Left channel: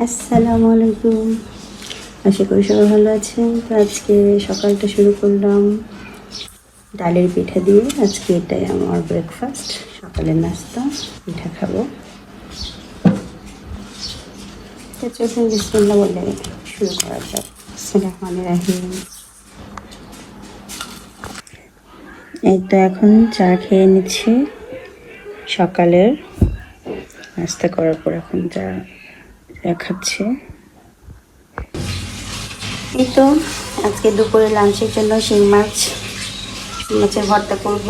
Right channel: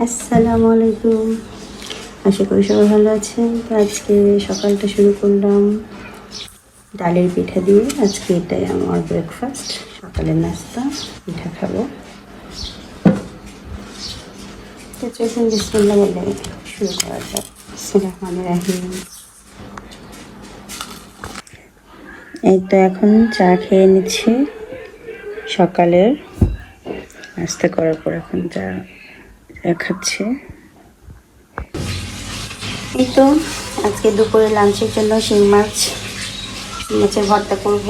আসসালামু আলাইকুম। আশা করি সবাই ভালো আছেন। তো আজকে সকালটা শুরু করলাম ডালের পিঠা দিয়ে। আজকে এটাই আমার ব্রেকফাস্ট, সকালের নাস্তা। পিঠা খাবো। তো চলুন বিসমিল্লাহ বলে শুরু করা যাক। বিসমিল্লাহির এই তো এখন চা খেয়ে নিচ্ছি সকালের নাস্তা করার পর। এখন চা খাচ্ছি। এই তো আজকে দুপুরে লাঞ্চের জন্য শিং মাছের ভর্তা করব।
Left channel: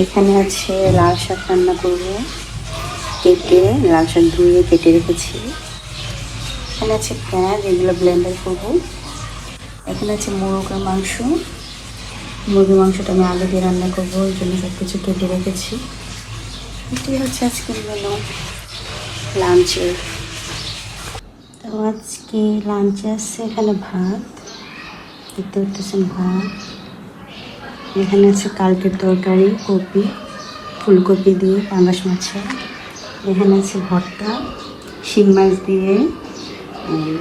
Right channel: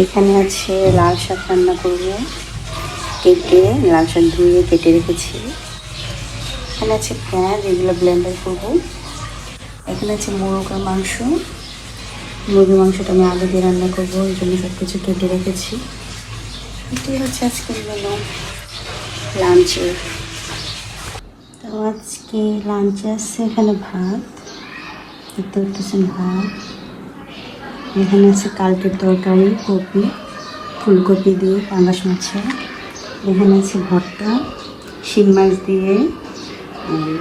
এখানে আছে লাল শাক রান্না করবো, কেটে লাল শাক ধুয়ে কেটে রেখেছি। এখানে আছে পেঁয়াজ, এগুলো ব্লেন্ডার করবো। এখানে আছে মোরগের মাংস। মুরগির মাংসটা আমি আলু দিয়ে রান্না করবো, ওই জন্য সব কিছু কেটে রেখেছি। এটাই হচ্ছে আজকে লাঞ্চে। তো আজকে লাঞ্চে আছে এখানে ভাত, দেখতে পাচ্ছেন ভাত। এখানে আছে কালকের তরকারি, কপি ফুলকপি দিয়ে পাঙ্গাস মাছের। এখানে আছে ভর্তা, শিং মাছ দিয়ে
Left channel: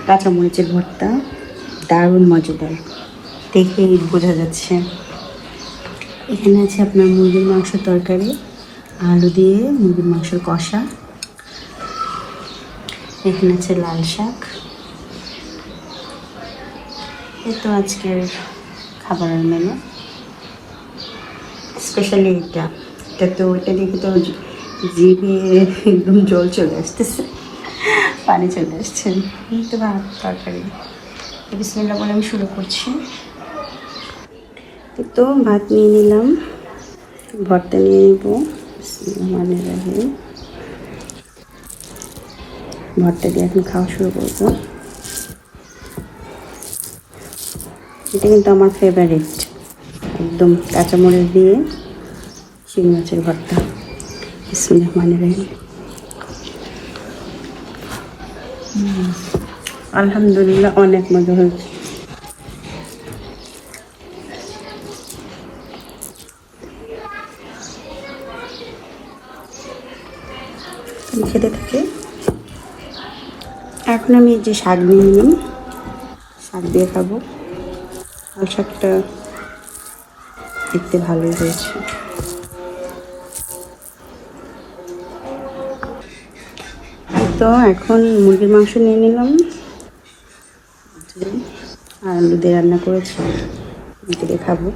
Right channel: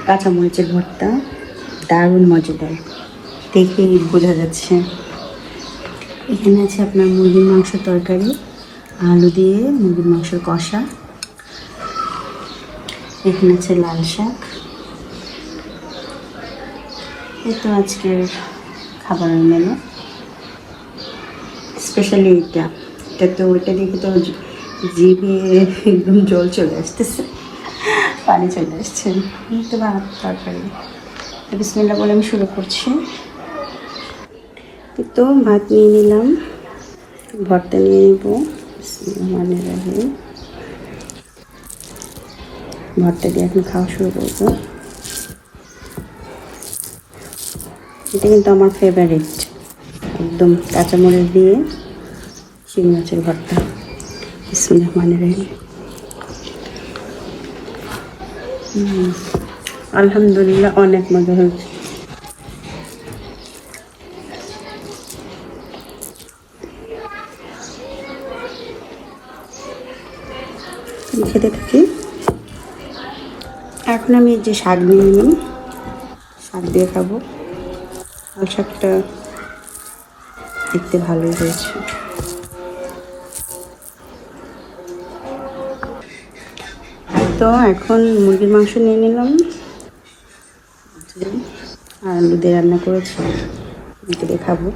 কাঁচামরিচের ভর্তা, দারুণ মজাদার, দেখেই বোঝা যাচ্ছে। এখানে আছে আপনার মুরগির মাংস তরকারি, আলু দিয়ে মুরগির মাংস কষা। এখানে আছে লাল শাক। তো আজকের খাবারের মেনু স্পেশালি এটা তো ওটা দেখে তো জিভে একদম জল চলে আসতেছে, পানি চলে আসছে। তো তরকারি বিসমিল্লাহ বলে আমি শুরু করছি। তো ভাত নিয়ে নিলাম, ভর্তা নিয়ে নেবো। ভর্তা দিয়ে এখন খাওয়া শুরু করবো। এটা কিন্তু আমার ফেভারিট, একদম কাঁচামরিচ দিয়ে শিং মাছের ভর্তা। আলহামদুলিল্লাহ অনেক মজা হয়েছে। খেতে থাকি। এখন আমি যে শাক নিয়ে নিলাম, শাক দিয়ে খাবো। আর শাকটা দেখতে ভালোই হয়েছে। তো এখন মুরগির মাংস নিয়ে নিলাম আর আলু দিয়ে রান্না করেছি, দিয়ে খাবো।